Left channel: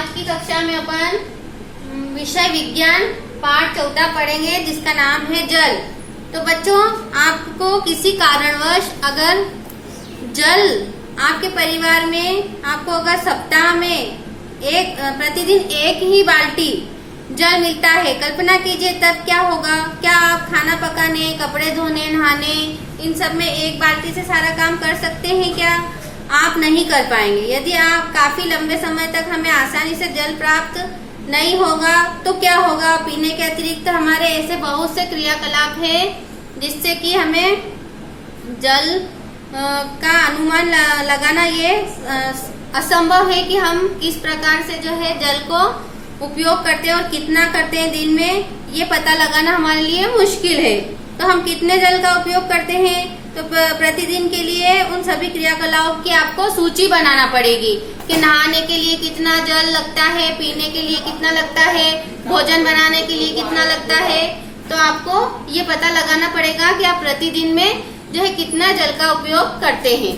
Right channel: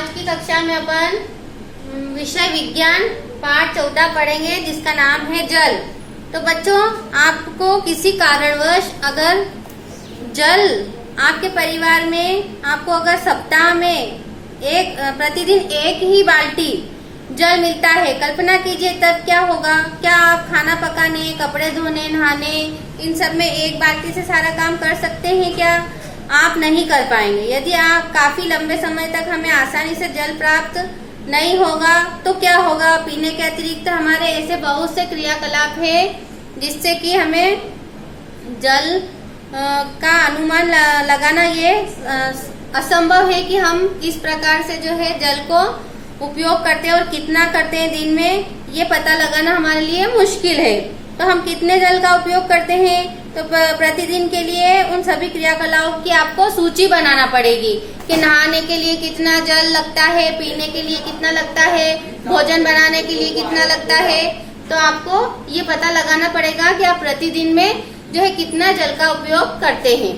आज की कक्षा में अपन विषय विज्ञान पाठ 14 पढ़ेंगे जिसका नाम है जल। तो बच्चों, आपको किसी कारणवश अगर जल आपके परिवार में आपको अगर सप्ताह में प्रतिदिन एक ही बाल्टी जल मिलता है, कल्पना कीजिए तब क्या होगा। क्या आप खाना पकाने, कपड़े धोने, नहाने, इन सब में एक बाल्टी से सारा काम कर सकते हैं? क्या आप नहीं कर पाएंगे। यदि आप काफी लंबे समय तक हमें आसानी से जल प्राप्त नहीं होगा तो क्या होगा। पीने के अतिरिक्त हमारे ऐसे बहुत से क्रियाकलाप है जिससे कि हमें जल का अनुमान लगाना ये असंभव है कि हम किस प्रकार से जो है जल को उपयोग करते हैं और कितना करते हैं दिन में, ये पता लगाना हमारे लिए मुश्किल है। तो हम कितने जल का उपयोग करते हैं, तो प्रतिदिन के लिए उन सभी क्रियाकलापों की आपको सूची बनाना पड़ेगी कि नहाने के लिए कितना जल लगता है, पीने के लिए कितना लगता है, भोजन बनाने के लिए कितना लगता है। तो आपको ये पता लगाना पड़ेगा कि आप प्रतिदिन में जो है कितना जल का उपयोग करते हैं।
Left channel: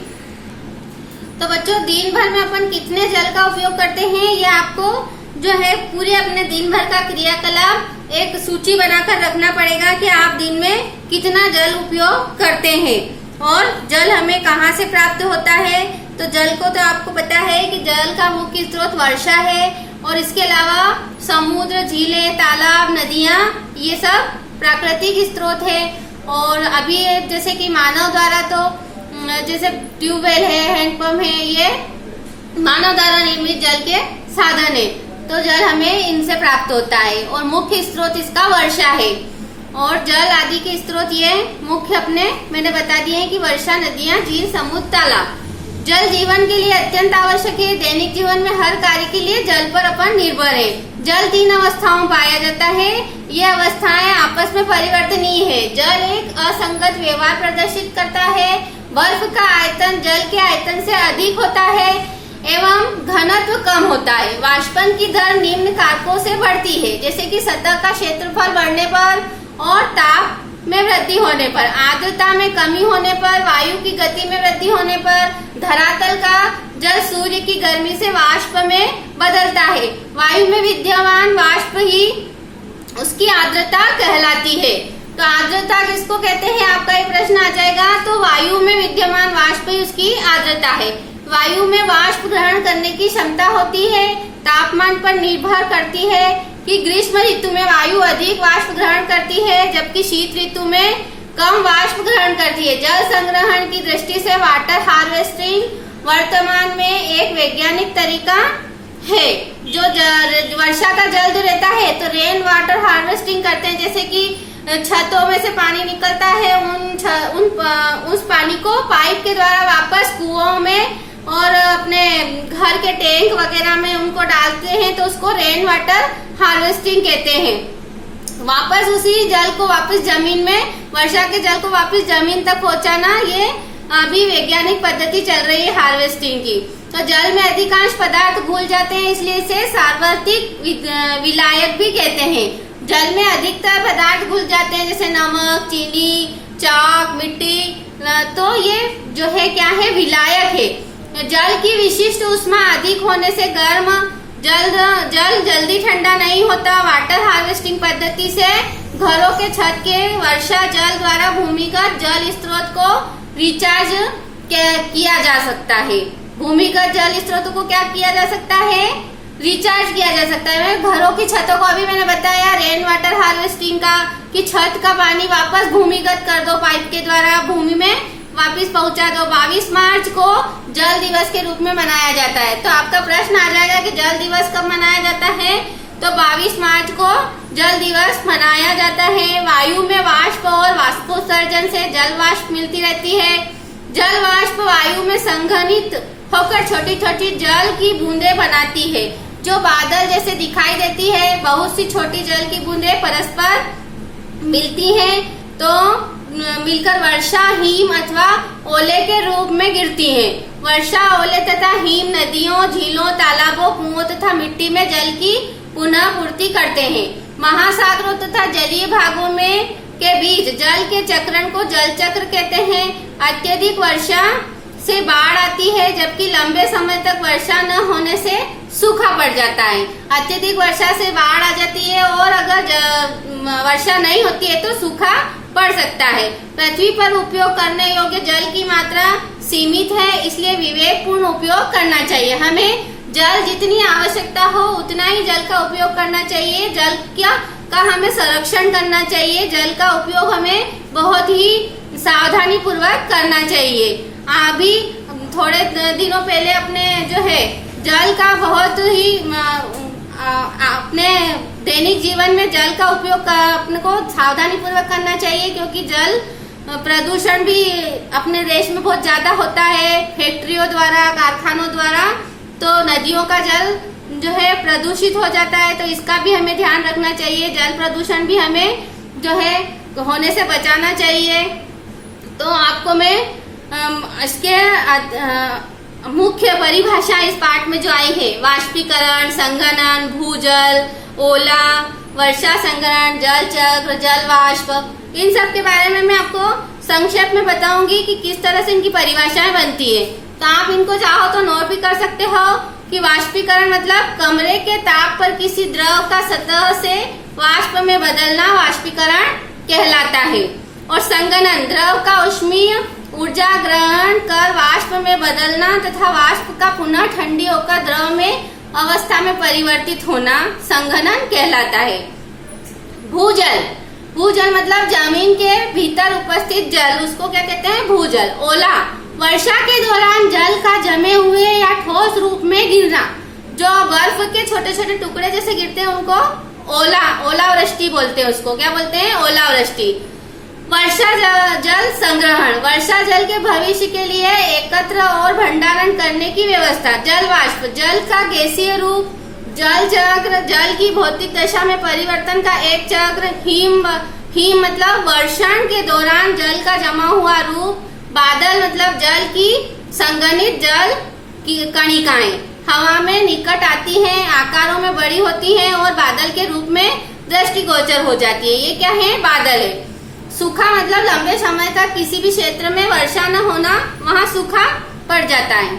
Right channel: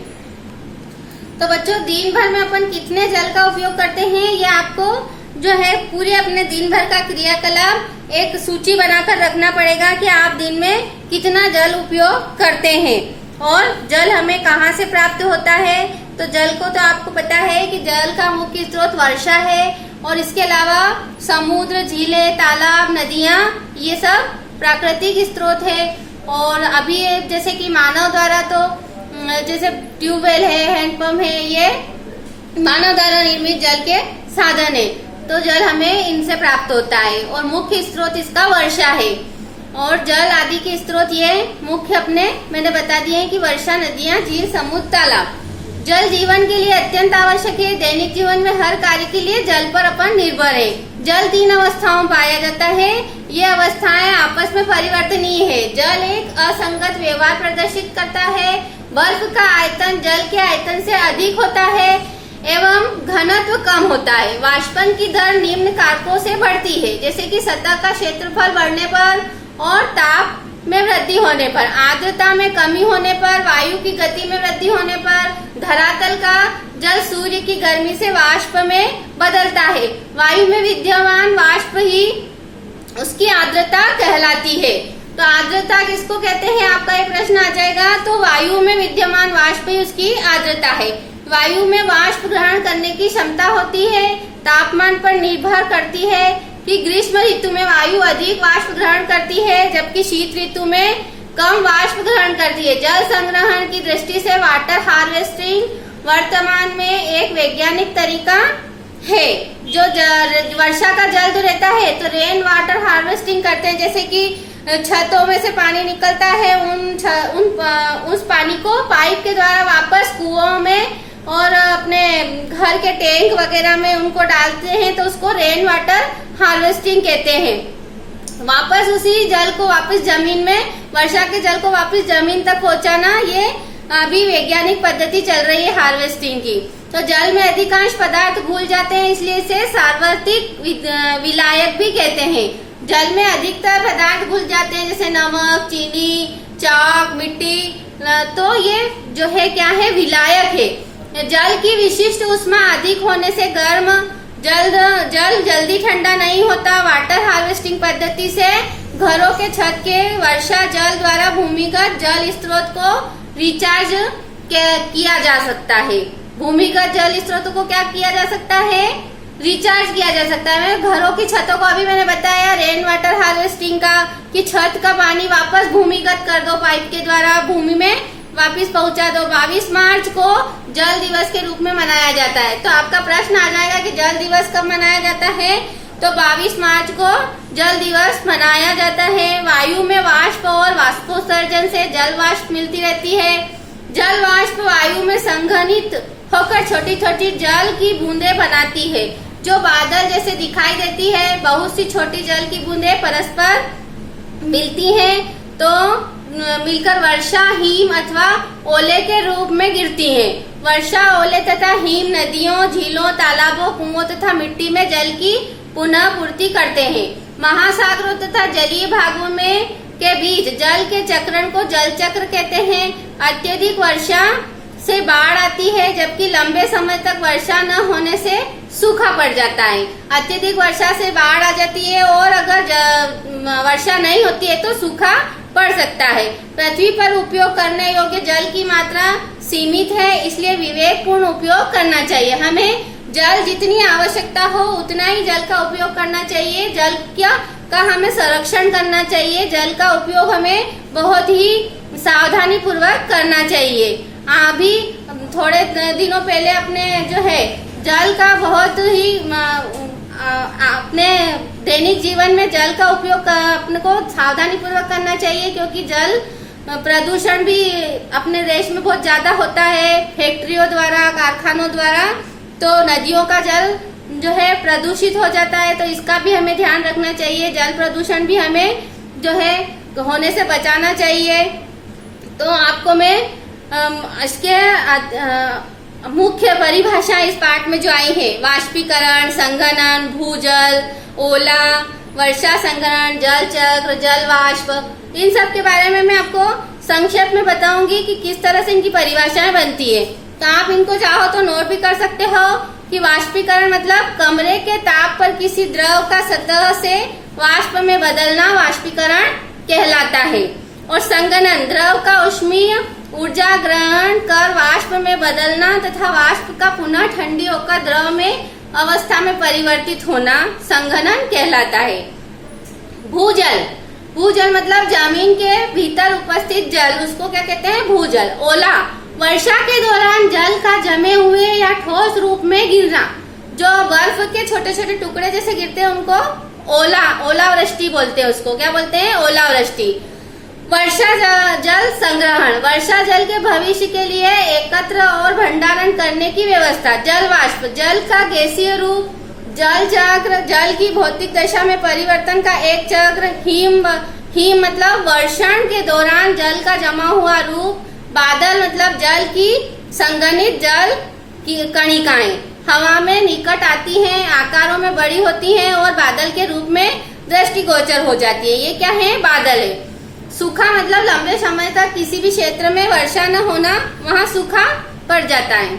तो बच्चों, दिन भर में अपन कितने जल का उपयोग करते हैं, ये आपको जो है पूरे अपने दिन भर का क्रियाकलाप एक सूची बनाकर रखना पड़ेगा कि आप दिन में कितना जल उपयोग करते हैं। और जल हमें कहाँ से प्राप्त होता है, तो जल को तो आपको पता है कि जल का मुख्य स्रोत वर्षा है और इसके अलावा समुद्र, झीलें, तालाब, नदियाँ, ये सब प्राकृतिक स्रोत है। और अभी जैसे कि मानव द्वारा तो जैसे ट्यूबवेल है, हैंडपंप है, ये मानव द्वारा निर्मित जल के साधन है। तो जल हमें इनसे प्राप्त होता है और मुख्य स्रोत इसका वर्षा है। और जल आदि के स्रोत ये मुख्य अपने मैंने बता दिए हैं कि वर्षा, नदियाँ, झील, समुद्र, तालाब। जल जीवन के लिए अत्यंत आवश्यक है। दैनिक जीवन में हर कार्य के लिए जल पर अपन निर्भर है। जल 3 अवस्थाओं में पाया जाता है। ये अवस्थाएं आपस में परिवर्तनीय है। जल एक असंगत व्यवहार प्रदर्शित करता है। बर्फ का आयतन जल के आयतन से अधिक होता है एवं घनत्व कम होता है। वाष्पन की दर निम्न कारकों से बढ़ती है, जैसे कि सतह का क्षेत्रफल बढ़ने पर और ताप में वृद्धि होने पर, आर्द्रता में कमी होने पर, वायु की गति में वृद्धि होने पर। धरातल का जल सूर्य की गर्मी से वाष्प में बदलता है। वायु में विद्यमान वाष्प ही उसकी आर्द्रता कहलाती है। तो आर्द्रता किसको कहते हैं, आपका ये प्रश्न आ जाएगा। तो वायु में विद्यमान वाष्प ही उसकी आर्द्रता है। वायु में वाष्प ग्रहण करने की क्षमता होती है। तापमान पर निर्भर करती है कि ग्रीष्म ऋतु में वायु अधिक वाष्प ग्रहण करती है जबकि शीत ऋतु में कम वाष्प ग्रहण करती है। जल संग्रहण की दृष्टि से वाटर हार्वेस्टिंग वर्तमान में एक वैज्ञानिक तरीका है। जो वर्षा का जल जो रहता है तो रेन वाटर हार्वेस्टिंग करते हैं, जैसे कि छतों में से पानी निकलता है, उस पानी को पाइप के द्वारा वापस कुओं में और अपने घर के टैंक वगैरह में उनको डालते हैं, तो उसको रेन वाटर हार्वेस्टिंग कहते हैं। वापस उसी जल को वापस जमीन में, वर्षा के जल को वापस जमीन तक पहुंचाना, ये अभी वैज्ञानिक पद्धति चल रही है हार्वेस्टिंग की। तो जल में अधिकांश पदार्थ घुल जाते हैं, इसलिए इसे सार्वत्रिक विलायक भी कहते हैं। जल में अधिकतर पदार्थ घुल जाते हैं, जैसे नमक, चीनी, चाक, मिट्टी। तो ये जो है क्या है, विलायक है। जल की विशिष्ट ऊष्मा अधिक होने से गर्म जल जल्दी ठंडा नहीं होता। वाटर हार्वेस्टिंग पद्धति से घरों के छत के वर्षा जल द्वारा भूमिगत जल स्रोत को रिचार्ज किया जा सकता है। भूमिगत जल स्रोत को क्या किया जा सकता है, रिचार्ज किया जा सकता है। घरों की छतों को अभी मैंने बताया रेन वाटर हार्वेस्टिंग का, कि छत का पानी वापस भूमिगत कर दो, पाइप के द्वारा भूमि में वापस पहुंचा दो। 22 मार्च को जल दिवस के रूप में मनाया जाता है। तो आपका प्रश्न आ जाएगा कि जल दिवस कब मनाया जाता है, तो 22 मार्च को जल दिवस मनाया जाता है। वायु में वाष्प और वाष्पोत्सर्जन से जल वाष्प मिलती रहती है। जल वाष्प वायु में संघनित होकर छोटी छोटी जल की बूंदें बनाती है, जो बादल जैसे दिखाई देती है। बहुत सी छोटी जल की बूंदें परस्पर मिलती हैं तो मिलकर वर्षा, हिम अथवा ओले के रूप में गिरती हैं। वर्षा, ओले तथा हिम नदियों, झीलों, तालाबों, कुओं तथा मिट्टी में जल की पुनः पूर्ति करते हैं। महासागरों तथा जलीय भागों में के बीच जल के चक्रण को जल चक्र कहते हैं। अत्यधिक वर्षा से बाढ़ आती है, जबकि लंबे समय तक वर्षा न होने से सूखा पड़ जाता है। अत्यधिक वर्षा से बाढ़ आ जाती है और अगर वर्षा नहीं होती है तो सूखा पड़ सकता है। पृथ्वी पर उपयोग करने योग्य जल की मात्रा सीमित है, इसलिए विवेकपूर्ण उपयोग करना चाहिए। हमें जल जितनी आवश्यकता हो उतना ही जल का उपयोग करना चाहिए। जल का हमें संरक्षण करना चाहिए। जल का उपयोग हमें बहुत ही सावधानी पूर्वक करना चाहिए। अभी थोड़े दिनों पहले अपने जो है जल का बहुत ही अपने दैनिक जीवन में जल का उपयोग अपने को सावधानी पूर्वक करना चाहिए, क्योंकि जल प्रदूषण भी अपने देश में बहुत ज्यादा होता है फैक्ट्रियों द्वारा, कारखानों द्वारा। तो नदियों का जल जो है प्रदूषित हो जाता है, तो इसका भी हमें ध्यान रखना चाहिए। जल प्रदूषण भी हमें जो है होने से बचाना चाहिए। तो आपको मैं इसके मुख्य परिभाषा इस पाठ में जो आई है, वाष्पीकरण, संघनन, भूजल, ओला, वर्षा संग्रहण, जल चक्र, जल वाष्प, इन सब के बारे में मैं आपको संक्षेप में बताऊंगी कि किस तरह से इनकी परिभाषाएं बनती है। तो आप इनको चाहो तो नोट भी कर सकते हो कि वाष्पीकरण मतलब कमरे के ताप पर किसी द्रव का सतह से वाष्प में बदलना वाष्पीकरण कहलाता है। और संघनन द्रव का ऊष्मीय ऊर्जा ग्रहण कर वाष्प में बदलना तथा वाष्प का पुनः ठंडी होकर द्रव में अवस्था में परिवर्तित होना संघनन कहलाता है। भूजल, भूजल मतलब जमीन के भीतर उपस्थित जल, उसको क्या कहते हैं? भूजल। ओला, वर्षा के दौरान जल का जमे हुए या ठोस रूप में गिरना, जो बर्फ के छोटे छोटे टुकड़े जैसे गिरते हैं उनको ओलावृष्टि बोलते हैं। उसको क्या बोलते हैं? ओलावृष्टि। वर्षा जल संग्रहण, वर्षा जल के भविष्य के लिए एकत्र और भंडारण करने की व्यवस्था। जल वाष्प, जल का गैसीय रूप। जल चक्र, जल की भौतिक दशा में परिवर्तन का एक चक्र। हिम मतलब वर्षण के दौरान जल का जमा हुआ रूप। बादल मतलब जल की संघनित जल की कणिकाएं हवा में निकट आती हैं, आकारों में बड़ी होती हैं और बादल के रूप में दृष्टिगोचर हो जाती है। ये क्या है? बादल है। सूखा मतलब लंबे समय तक किसी भी क्षेत्र में वर्षा न होना, वहाँ सूखा पड़ जाता है।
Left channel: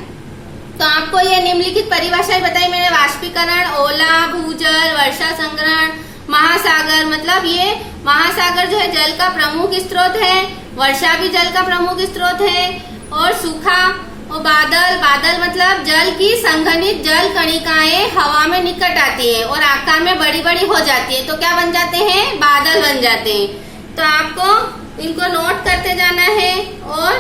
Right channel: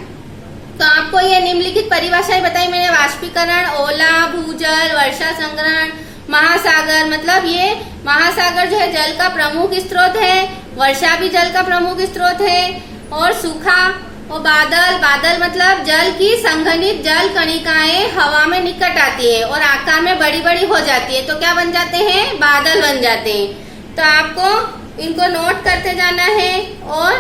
तो आपको ये निम्नलिखित परिभाषाएं बताई मैंने, वाष्पीकरण, ओला, भूजल, वर्षा संग्रहण। महासागर मतलब ये महासागर जो है जल का प्रमुख स्रोत है, वर्षा भी जल का प्रमुख स्रोत है। और सूखा और बादल, बादल मतलब जल की संघनित जल कणिकाएं हवा में निकट आती है और आकार में बड़ी बड़ी हो जाती है, तो क्या बन जाते हैं? बादल बन जाते हैं। तो आपको इनको नोट करते जाना है और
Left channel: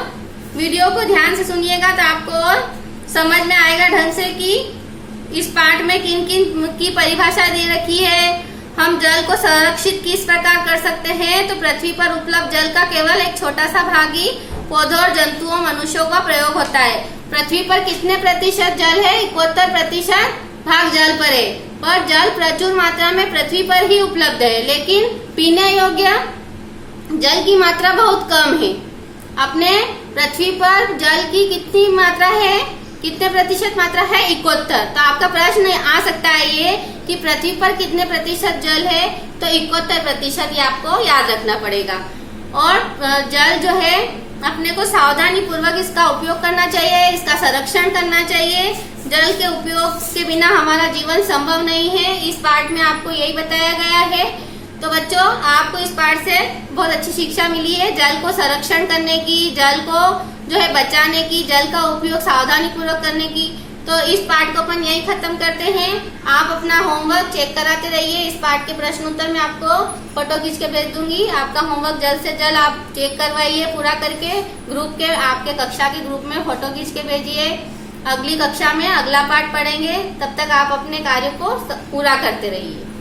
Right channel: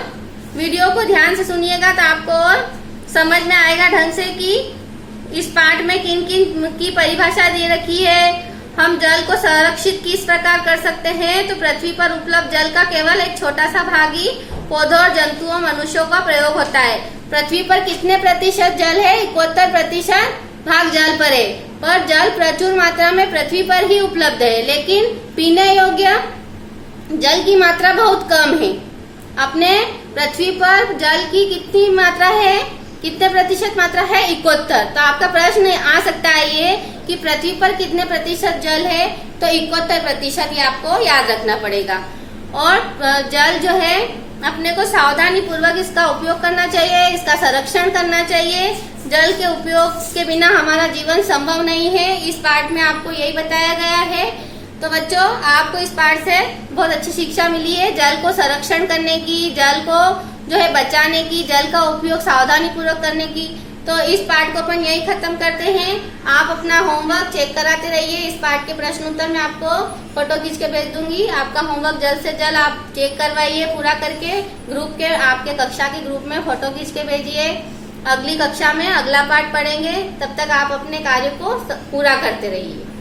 वीडियो को ध्यान से सुनिएगा तो आपको और समझ में आएगा ढंग से कि इस पाठ में किन किन की परिभाषा दे रखी है। हम जल को संरक्षित किस प्रकार कर सकते हैं। तो पृथ्वी पर उपलब्ध जल का केवल एक छोटा सा भाग ही पौधों और जंतुओं, मनुष्यों का प्रयोग होता है। पृथ्वी पर कितने प्रतिशत जल है? 71% भाग जल पर है। पर जल प्रचुर मात्रा में पृथ्वी पर ही उपलब्ध है, लेकिन पीने योग्य जल की मात्रा बहुत कम है। अपने पृथ्वी पर जल की कितनी मात्रा है? कितने प्रतिशत मात्रा है? 71। तो आपका प्रश्न आ सकता है ये कि पृथ्वी पर कितने प्रतिशत जल है? तो 71% ये आपको याद रखना पड़ेगा। और जल जो है अपने को सावधानी पूर्वक इसका उपयोग करना चाहिए, इसका संरक्षण करना चाहिए। जल के उपयोग के बिना हमारा जीवन संभव नहीं है। इस पाठ में आपको यही बताया गया है। तो बच्चों, आपको इस पाठ से बहुत अच्छी शिक्षा मिली है जल को संरक्षण करने की, जल को जो है बचाने की, जल का उपयोग सावधानी पूर्वक करने की। तो इस पाठ को अपन यही खत्म करते हैं। आप अपना होमवर्क चेक कराते रहिए। इस पाठ के प्रश्न उत्तर मैं आपको फोटो खींच के भेज दूंगी। आपका होमवर्क जल्द से जल्द आप चेक करवाइए पूरा करके। ग्रुप के, आपके कक्षा के ग्रुप में फोटो खींच के भेजिए। अगली कक्षा में अगला पाठ पढ़ेंगे, तब तक आप अपने कार्य को पूरा करते रहिए।